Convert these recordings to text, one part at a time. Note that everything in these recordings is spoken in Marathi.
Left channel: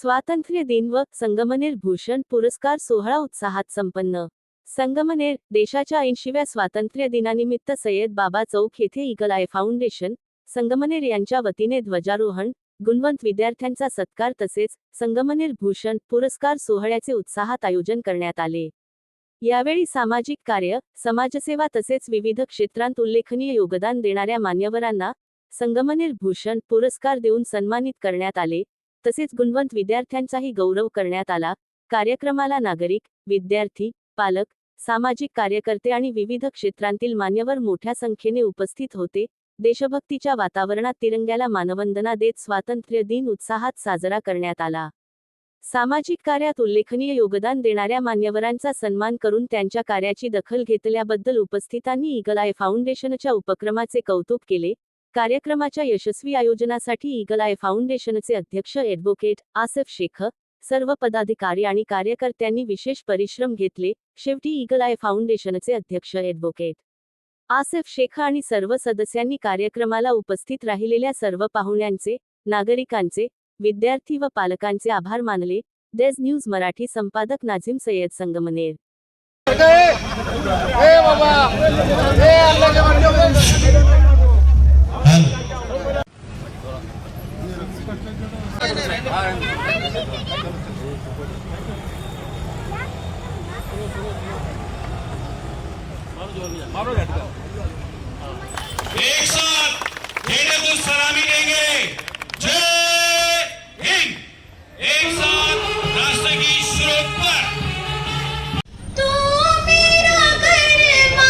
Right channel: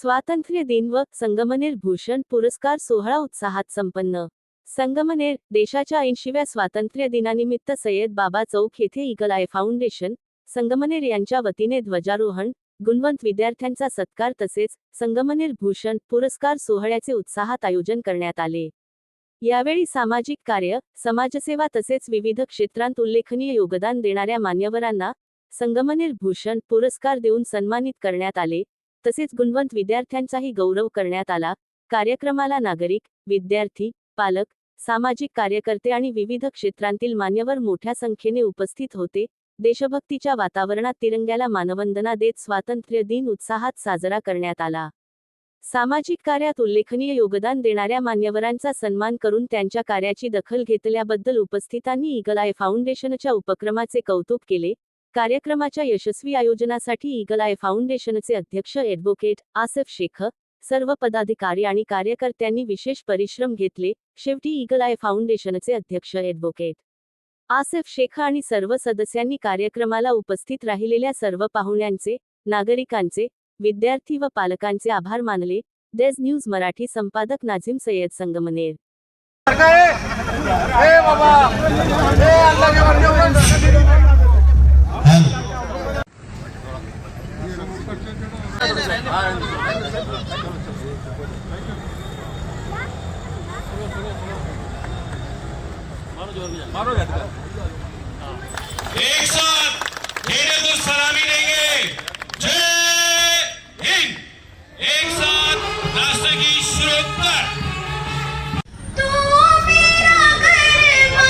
स्वातंत्र्य दिन व संगमनेर भूषण पुरस्कार सोहळा उत्साहात संपन्न. संगमनेर देशाच्या 80व्या स्वातंत्र्य दिनानिमित्त सय्यद बाबा चौक येथे ईगल आय फाउंडेशन संगमनेर यांच्या वतीने ध्वजारोहण, गुणवंत विद्यार्थ्यांचा सत्कार तसेच संगमनेर भूषण पुरस्कार सोहळ्याचे उत्साहात आयोजन करण्यात आले. यावेळी सामाजिक कार्य, समाजसेवा तसेच विविध क्षेत्रांत उल्लेखनीय योगदान देणाऱ्या मान्यवरांना संगमनेर भूषण पुरस्कार देऊन सन्मानित करण्यात आले. तसेच गुणवंत विद्यार्थ्यांचाही गौरव करण्यात आला. कार्यक्रमाला नागरिक, विद्यार्थी, पालक, सामाजिक कार्यकर्ते आणि विविध क्षेत्रांतील मान्यवर मोठ्या संख्येने उपस्थित होते. देशभक्तीच्या वातावरणात तिरंग्याला मानवंदना देत स्वातंत्र्य दिन उत्साहात साजरा करण्यात आला. सामाजिक कार्यात उल्लेखनीय योगदान देणाऱ्या मान्यवरांचा सन्मान करून त्यांच्या कार्याची दखल घेतल्याबद्दल उपस्थितांनी ईगल आय फाउंडेशनच्या उपक्रमाचे कौतुक केले. कार्यक्रमाच्या यशस्वी आयोजनासाठी ईगल आय फाउंडेशनचे अध्यक्ष ॲडव्होकेट आसिफ शेख, सर्व पदाधिकारी आणि कार्यकर्त्यांनी विशेष परिश्रम घेतले. शेवटी ईगल आय फाउंडेशनचे अध्यक्ष ॲडव्होकेट आसिफ शेख आणि सर्व सदस्यांनी कार्यक्रमाला उपस्थित राहिलेल्या सर्व पाहुण्यांचे, नागरिकांचे, विद्यार्थी व पालकांचे आभार मानले. डेज न्यूज मराठी संपादक नाझीम सय्यद, संगमनेर. एक साथ ढेर को सलामी देंगे. जय हिंद. एक साथ राष्ट्र की सुरक्षा. तू मेरा गरबा.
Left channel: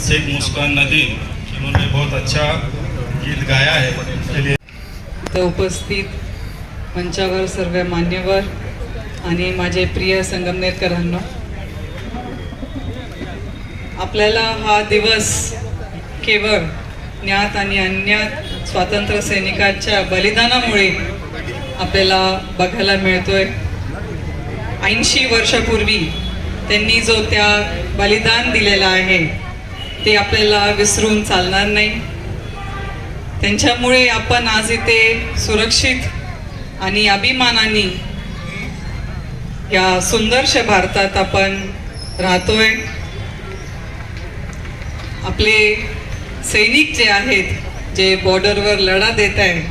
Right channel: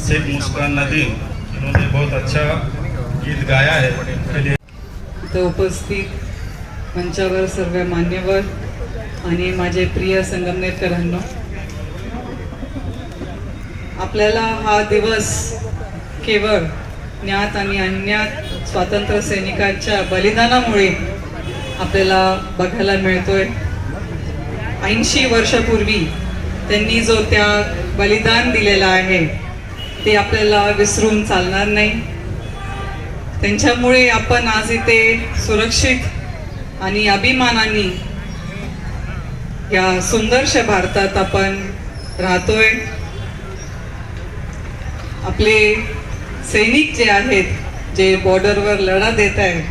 शेख मुस्कान नदीम, इन्होंने बहुत अच्छा गीत गाया है. तो उपस्थित मंचावर सर्व मान्यवर आणि माझे प्रिय संगमनेरकरांनो, आपल्याला हा दिवस केवळ ज्ञात आणि अज्ञात स्वातंत्र्य सैनिकांच्या बलिदानामुळे आपल्याला बघायला मिळतोय. 80 वर्षापूर्वी त्यांनी जो त्या बलिदान दिलेला आहे ते आपल्याला विसरून चालणार नाही. त्यांच्यामुळे आपण आज इथे सुरक्षित आणि अभिमानाने या सुंदरशा भारतात आपण राहतोय. आपले सैनिक जे आहेत, जे बॉर्डरवर लढा देत आहेत,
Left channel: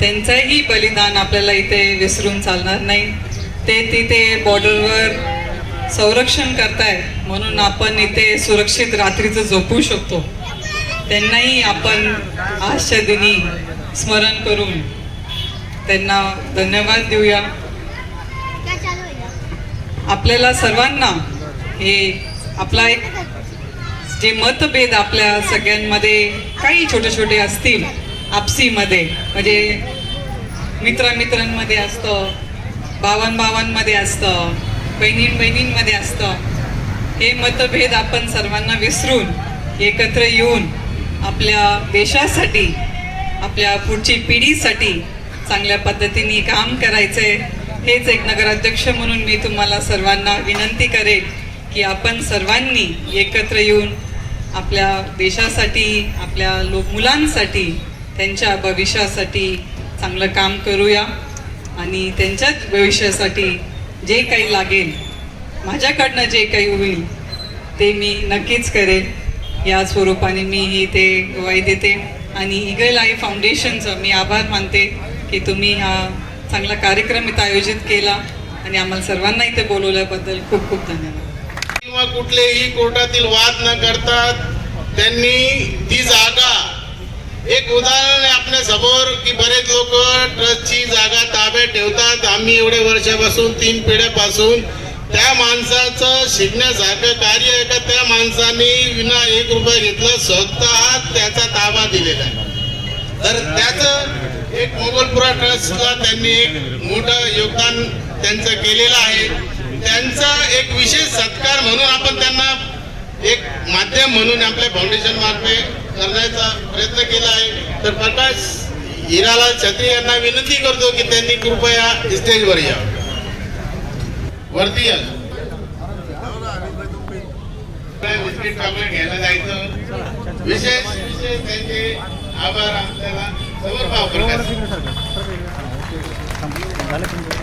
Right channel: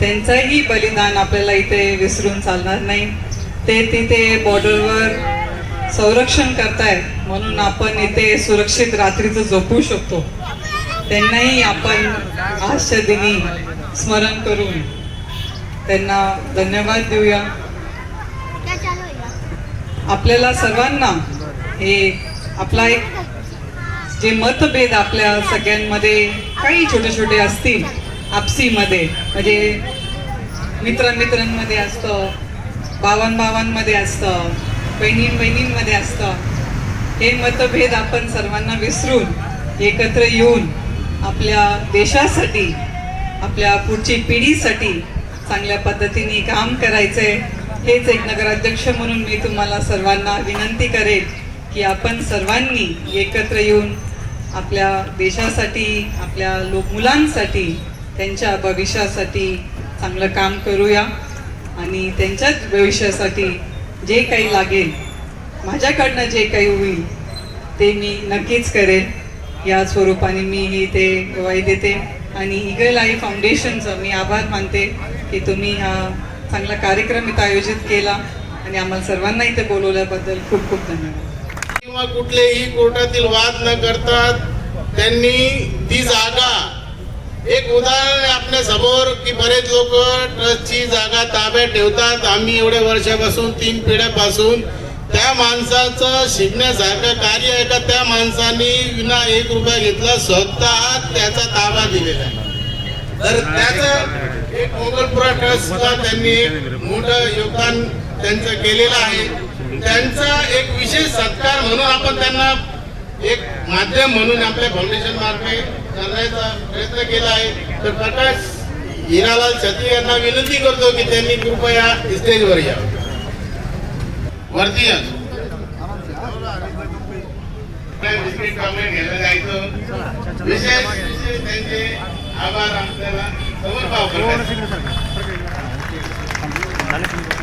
त्यांचंही बलिदान आपल्याला इथे विसरून चालणार नाही. ते तिथे बॉर्डरवर संरक्षण करताय म्हणून आपण इथे सुरक्षित रात्रीचं झोपू शकतो. त्यांनाही आपण आजच्या दिनी स्मरण करून त्यांना धन्यवाद देऊया. आपल्याला सर्वांना हे आपला एक जे मतभेद आपल्या सगळ्यांमध्ये काही छोटे छोटे असतील आपसीमध्ये, म्हणजे मित्रांमध्ये असतं, भावांमध्ये असतं, बहिणींमध्ये असतं, हे मतभेद आपण सर्वांना विसरून एकत्र येऊन आपल्या देशासाठी, आपल्या पुढची पिढीसाठी चांगल्या पद्धतीने काम करायचंय. हेच एक नगराध्यक्ष म्हणून मी तुम्हाला सर्वांना विनंती करेन की आपण सर्वांनी एकत्र येऊन आपल्या देशासाठी, आपल्या मुलांसाठी, त्यांच्या भविष्यासाठी चांगलं काम करूया आणि त्यांच्याच भविष्यासाठी जे काही लागेल, माझ्याकडनं जे काही होईल ते मी नक्कीच करेन. या स्वरूपाने मी ते ग्वाही देते. आणि ईगल आई फाउंडेशनचं मी आभार मानते की तुम्ही हा चांगला कार्यक्रम इथं आयोजित केला आणि आम्हाला सर्वांना इथे बोलवल्याबद्दल खूप खूप धन्यवाद. किंवा कुठलेही कोर्टातील वाद न करता त्यांनी ती जागा, एक उदाहरण आहे आपल्या समोर की बरेच लोक ट्रस्टची जागा ताब्यात ठेवतात. आम्ही एवढ्या वर्षापासून 3 पिढ्यापासून त्या माणसाचं शिकण्यासारखं कार्य आहे का त्या माणसाने विना 1 रुपया घेतला स्वतः त्याचा ताबा दिलेला आहे. तर त्याचं एक मोगलपुरा ट्रस्टला त्यांनी एक मोठं योगदान त्यांचं केलेलं आहे. त्यांचा एक विशेष सत्कार म्हणून आपण त्यांना एक माध्यम म्हणून आपल्या फाउंडेशन मार्फत करण्याचा प्रयत्न केला आहे. तर प्रकाश हिरालाल छत्री यांना विनंती करतो की त्यांनी कृपया स्टेजवर यावं. वरती या. बिस्किट चॉकलेट घ्यायला जायचं. विशेष त्यांचे आभार आपल्याला समर्पाव करतात.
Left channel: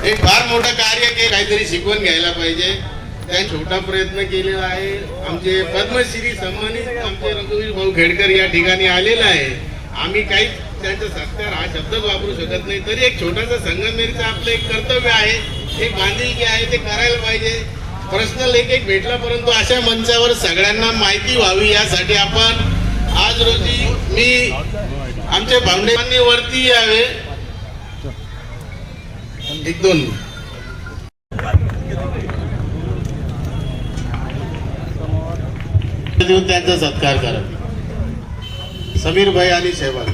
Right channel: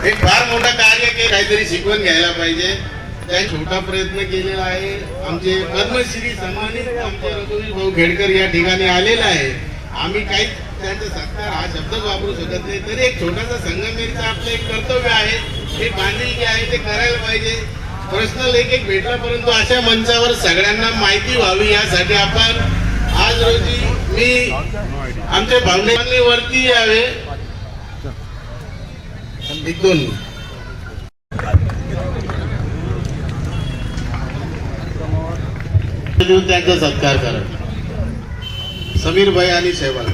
एक फार मोठं कार्य के काहीतरी शिकवून घ्यायला पाहिजे. त्या छोटा प्रयत्न केलेला आहे. आमचे पद्मश्री सन्मानित आमचे रघुवीर भाऊ खेडकर या ठिकाणी आलेला आहे. आम्ही काही त्यांचा सत्कार हा शब्द वापरू शकत नाही, तरी एक छोटासा संगमनेरचं आपलं एक कर्तव्य आहे, एक बांधिलकी आहे, ते करायला पाहिजे. पर्सनल एक भेटला, परंतु अशा मंचावर सगळ्यांना माहिती व्हावी यासाठी आपण आज रोजी मी आमचे फाउंडेशनने वरती यावे. एक दोन देऊन त्यांचा सत्कार करा. समीर भाई आणि शेवाल.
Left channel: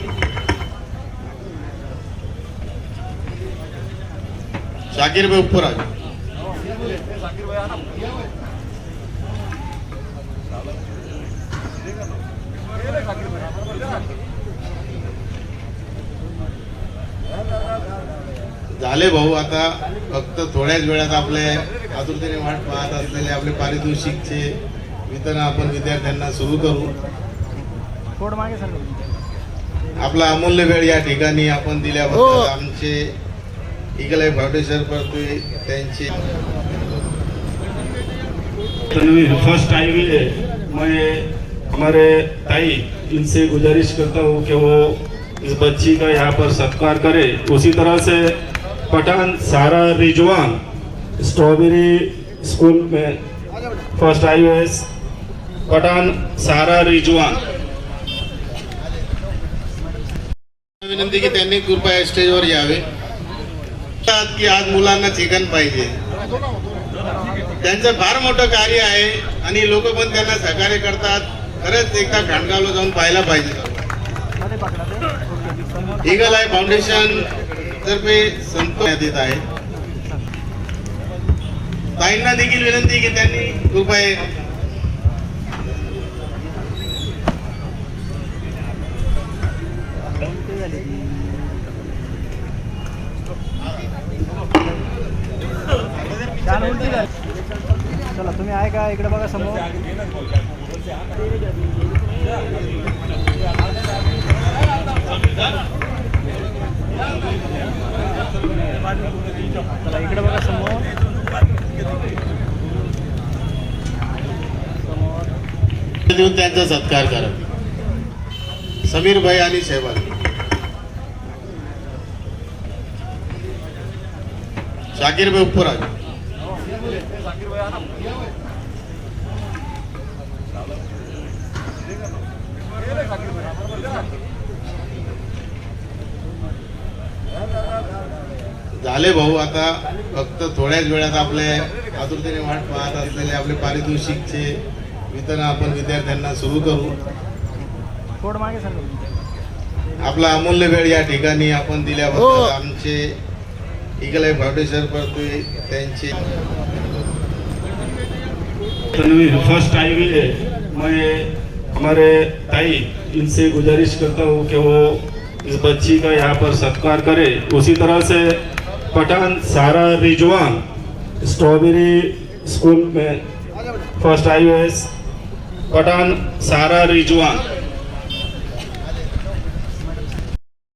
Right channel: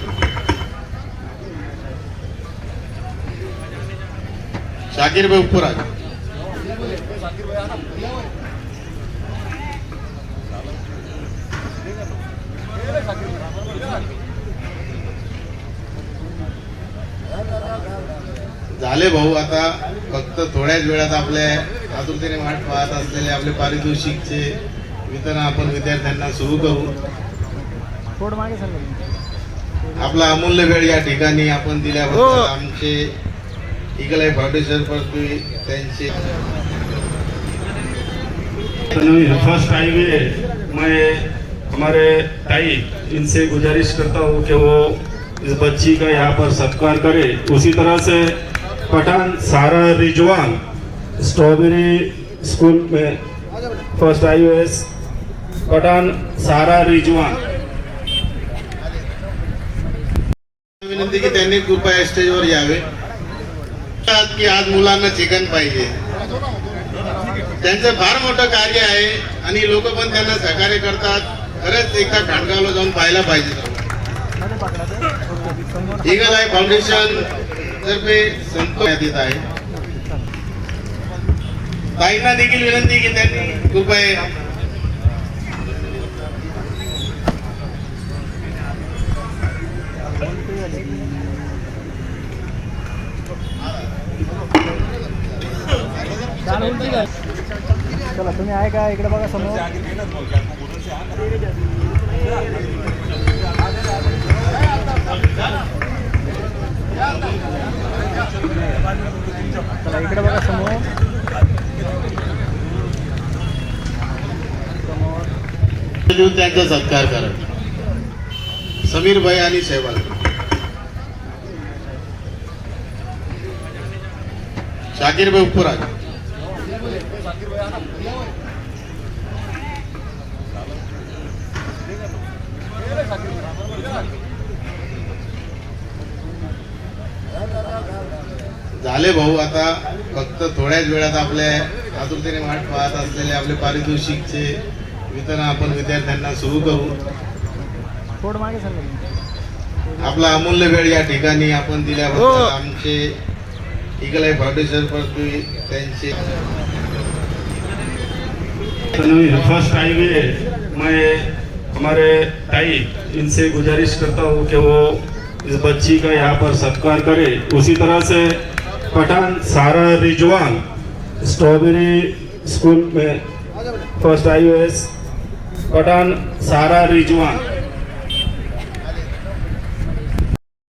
शाकीर भाई उपरा. झाले भाऊ, आता फक्त थोड्याच वेळात आपल्या आतुरतेने वाट पाहत असलेले आपले पारितोषिकचे वितरण आपण विद्यार्थ्यांना सुरू करू. आपला अमूल्य वेळ या ठिकाणी आपण दिल्याबद्दल आमचे ईगल आई फाउंडेशन पर त्यांचे फर्स्ट हाईवे मैं हमारे ताई इनसे गुजारिश करता हूँ कि वो इस बच्ची का यहाँ पर सत्कार करे. उसी तरह से पठान सारा रिजवान स्ट्रॉबेरी स्कूल में फर्स्ट हाईवे पठान सारा रिजवान. विनंती की त्यांनी कृपया स्टेजवर यावे. की आज मुलांना चिकन पाहिजे. त्यांचं फार मोठं कार्य आहे आणि लोक पण त्यांना सहकार्य करतात. खरंच एकदा खांडगावला जाऊन पाहायला पाहिजे. ईगल आई फाउंडेशन तर्फे संपर्क देत आहे. ताईंना देखील विनंती की त्यांनी कृपया चला तुम्ही आहे का इकडे बघा समोर. चला इकडे बघा समोर. देऊन त्यांचा सत्कार करा. समीर भाई आणि शेवाल. शाकीर भाई उपरा. झाले भाऊ, आता फक्त थोड्याच वेळात आपल्या आतुरतेने वाट पाहत असलेले आपले पारितोषिकचे वितरण आपण विद्यार्थ्यांना सुरू करू. आपला अमूल्य वेळ या ठिकाणी आपण दिल्याबद्दल आमचे ईगल आई फाउंडेशन पर त्यांचे फर्स्ट हाईवे मैं हमारे ताई इनसे गुजारिश करता हूँ कि वो इस बच्ची का यहाँ पर सत्कार करे. उसी तरह से पठान सारा रिजवान स्ट्रॉबेरी स्कूल में फर्स्ट हाईवे पठान सारा रिजवान.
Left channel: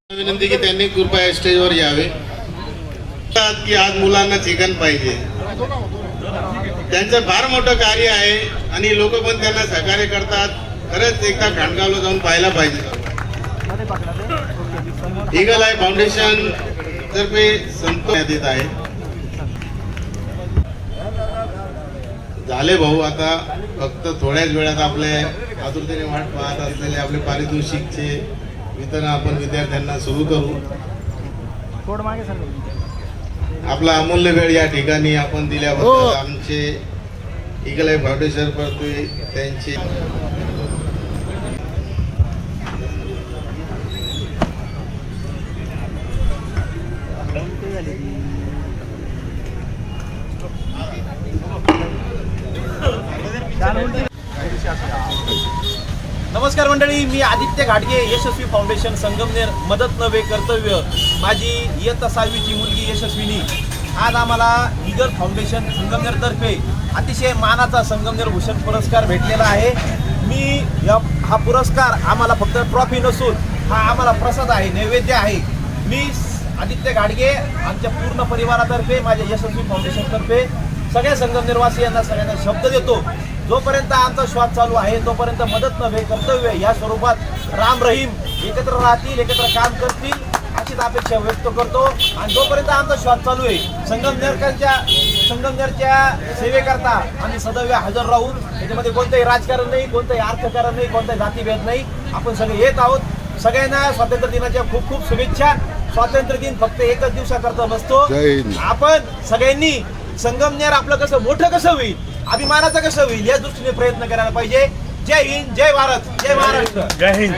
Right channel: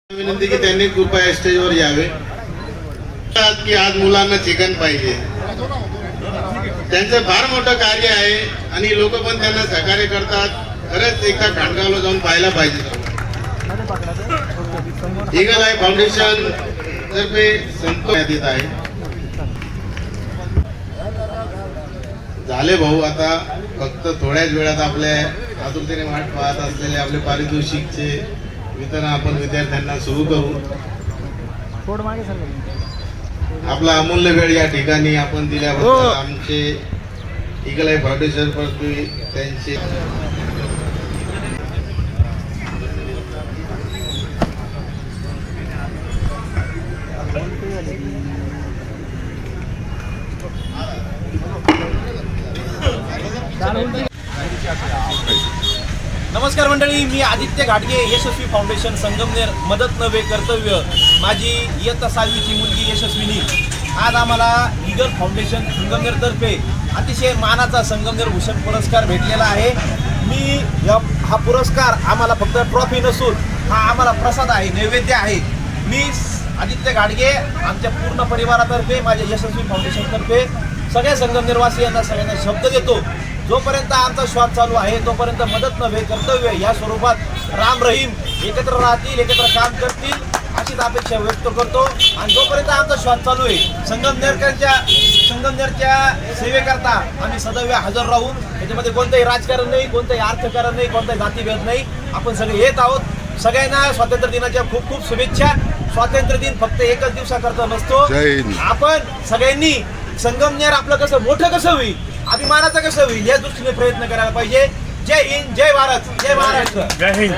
विनंती की त्यांनी कृपया स्टेजवर यावे. की आज मुलांना चिकन पाहिजे. त्यांचं फार मोठं कार्य आहे आणि लोक पण त्यांना सहकार्य करतात. खरंच एकदा खांडगावला जाऊन पाहायला पाहिजे. ईगल आय फाउंडेशन तर्फे संपवण्यात येत आहे. झाले भाऊ, आता फक्त थोड्याच वेळात आपल्या आतुरतेने वाट पाहत असलेले आपले पारितोषिकचे वितरण आपण विद्यार्थ्यांना सुरू करू. कोड मागे सर. आपला अमूल्य वेळ या ठिकाणी आपण दिल्याबद्दल आमचे ईगल आय फाउंडेशन तर्फे त्यांचे नमस्कार मंडळी, मी आदित्य घाटगे, यशस्वी फाउंडेशन संगमनेर. मदत नव्हे कर्तव्य. माझी इयत्ता 6वीची मुलगी यशस्विनी आज आम्हाला ईगल फाउंडेशन संगमनेर तर्फे अतिशय मानाचा संगमनेर भूषण पुरस्कार भेटलेला आहे. हा पुरस्कार आम्हाला फक्त ट्रॉफी नसून हा आम्हाला प्रसाद आहे, नैवेद्य आहे. मी आदित्य घाटगे आमच्या पूर्ण परिवारातर्फे, माझ्या यशस्वी फाउंडेशन तर्फे सगळ्या संगमनेरवासियांना सगळ्यांना शब्द देतो, जोपर्यंत आमचा श्वास चालू आहे तोपर्यंत मदत नव्हे कर्तव्य या स्वरूपात राम रहीम एकत्र राहतील, एकत्र काम करतील अशीच अपेक्षा व्यक्त करतो. आणि जोपर्यंत आमचा श्वास चालू आहे संगमनेरच्या सेवेकरता आम्ही सदैव हजर राहून, त्याच्यामध्ये कोणतंही राजकारण नाही, कोणतंही अर्थकारण नाही, कोणताही जातीभेद नाही. आपण सगळे येत आहोत. सगळ्यांना स्वातंत्र्य दिनाच्या खूप खूप शुभेच्छा. स्वातंत्र्य दिन फक्त एकच दिवसाकरता नसतो. आपण सगळ्यांनी संगमनेर आपलं कसं मोठं कसं होईल, अभिमानाचं कसं होईल या दृष्टीने प्रयत्न करायला पाहिजे. जय हिंद, जय भारत, जय महाराष्ट्र. जय हिंद.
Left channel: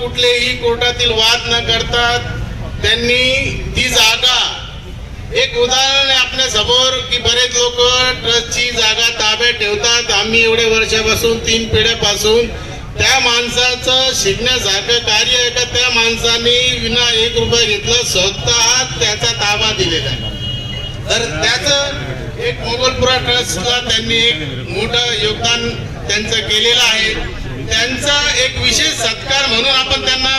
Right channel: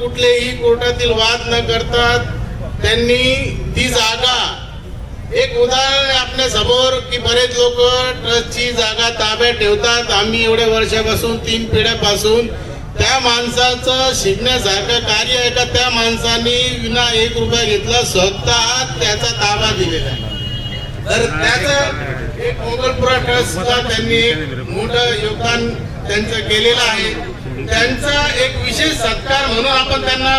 कुठलेही कोर्टातील वाद न करता त्यांनी ती जागा, एक उदाहरण आपल्या समोर की बरेच लोक ट्रस्टची जागा ताब्यात ठेवतात. आम्ही एवढ्या वर्षापासून 3 पिढ्यापासून त्या माणसाचं शिकण्यासारखं कार्य आहे का त्या माणसाने विना 1 रुपया घेतला स्वतः त्याचा ताबा दिलेला आहे. तर त्याचं एक मोगलपुरा ट्रस्टला त्यांनी एक मोठं योगदान त्यांचं केलेलं आहे. त्यांचा एक विशेष सत्कार म्हणून आपण त्यांना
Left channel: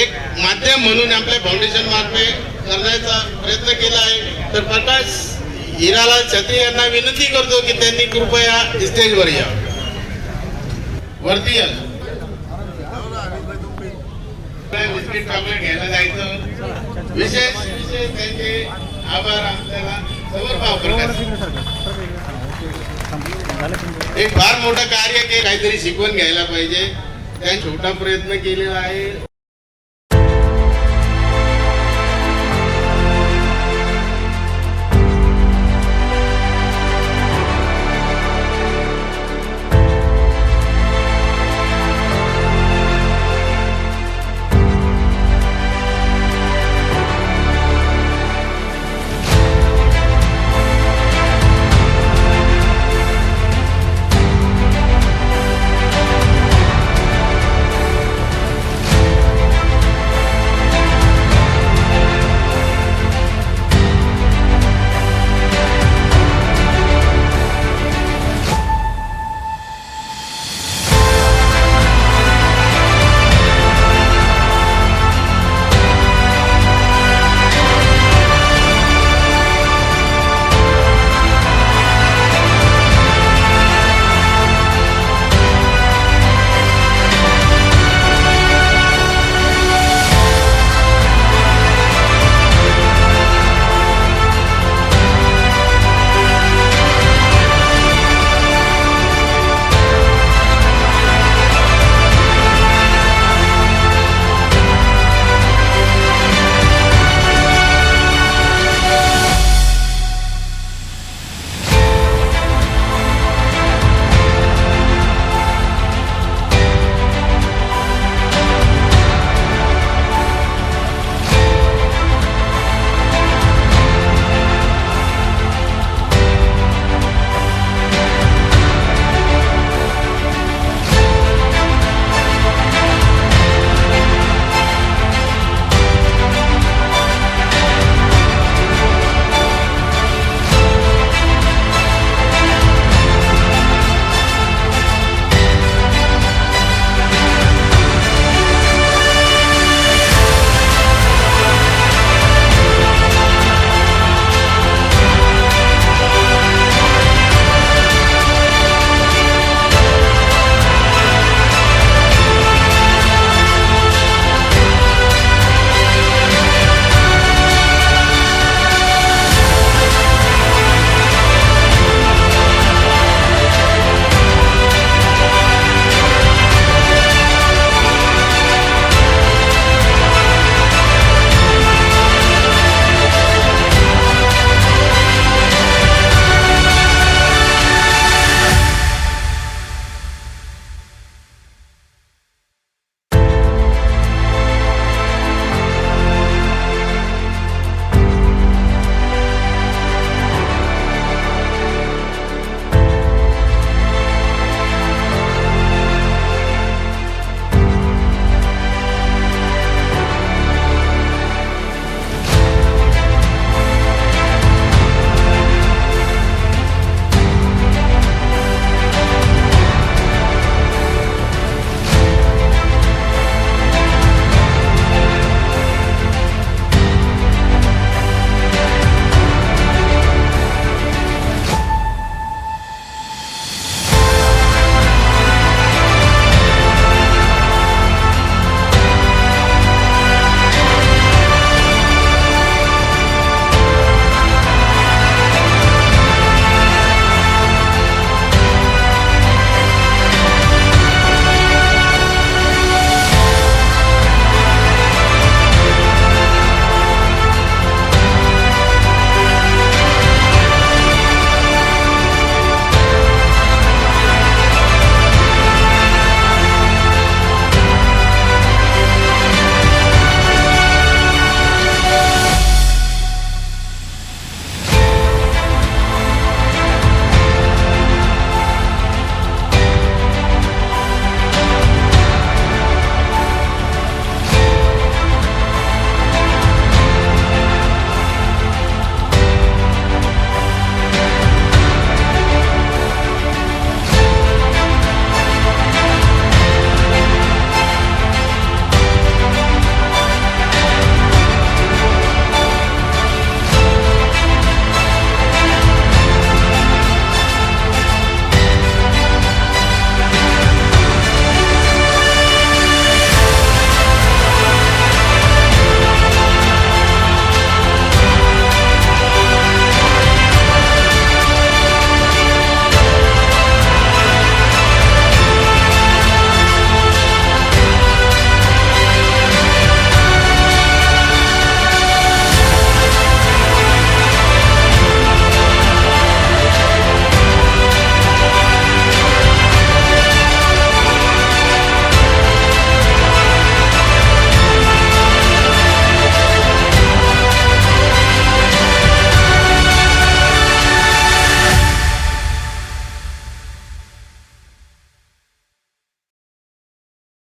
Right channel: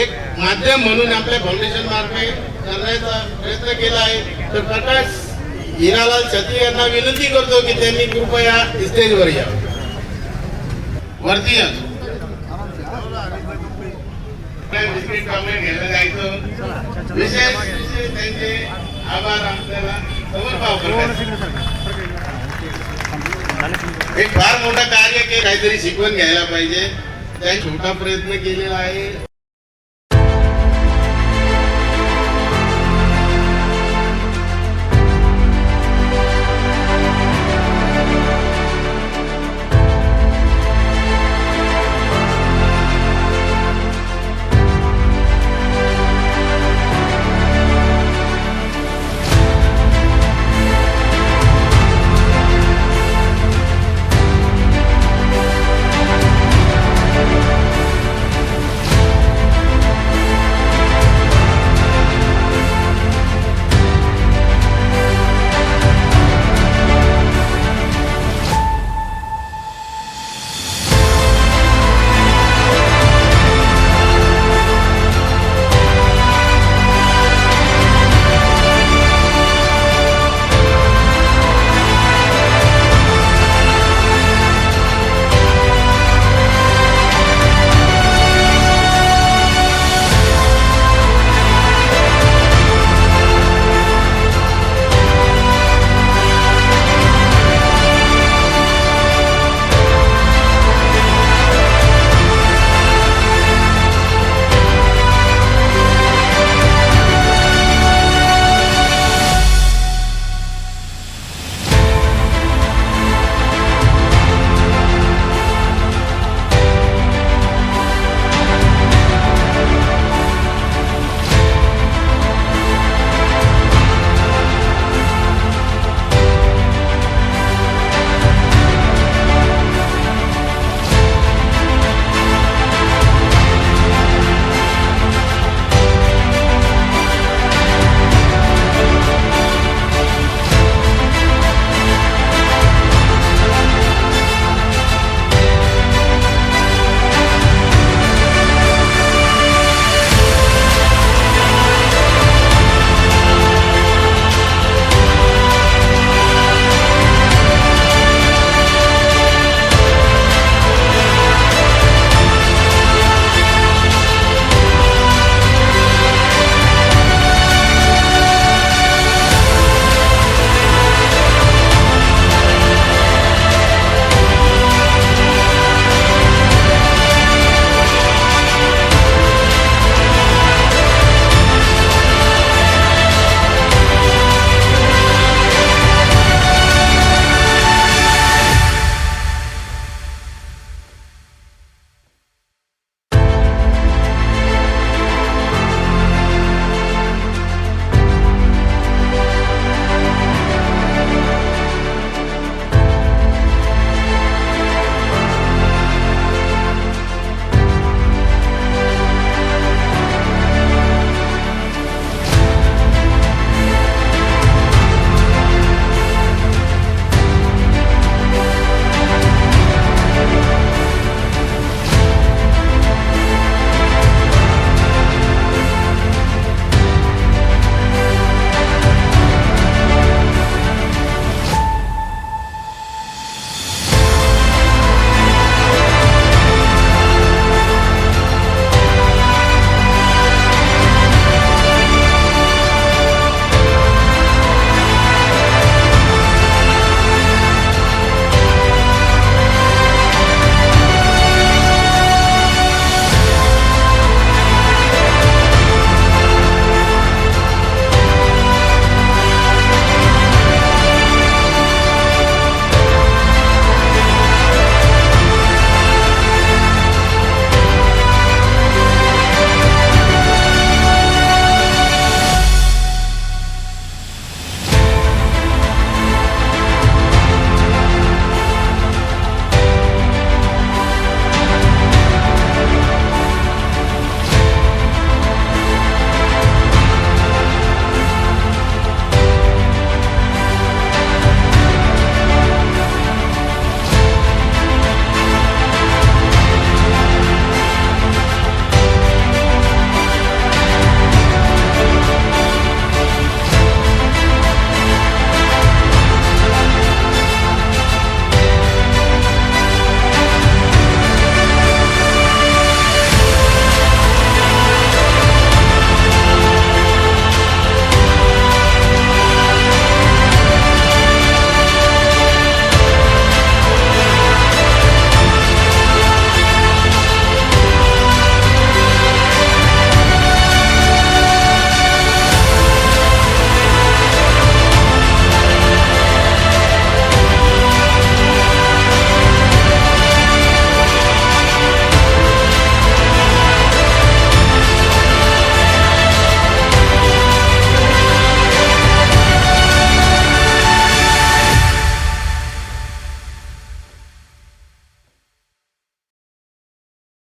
एक माध्यम म्हणून आपल्या फाउंडेशन मार्फत करण्याचा प्रयत्न केला आहे. तर प्रकाश हिरालाल छत्री यांना विनंती करतो की त्यांनी कृपया स्टेजवर या, वरती या. बिस्किट चॉकलेट घ्यायला जायचं. विशेष त्यांचे आभार आपल्याला समर्पाव करतात. एक फार मोठं कार्य के काहीतरी शिकवून घ्यायला पाहिजे. त्या छोटा प्रयत्न केलेला आहे.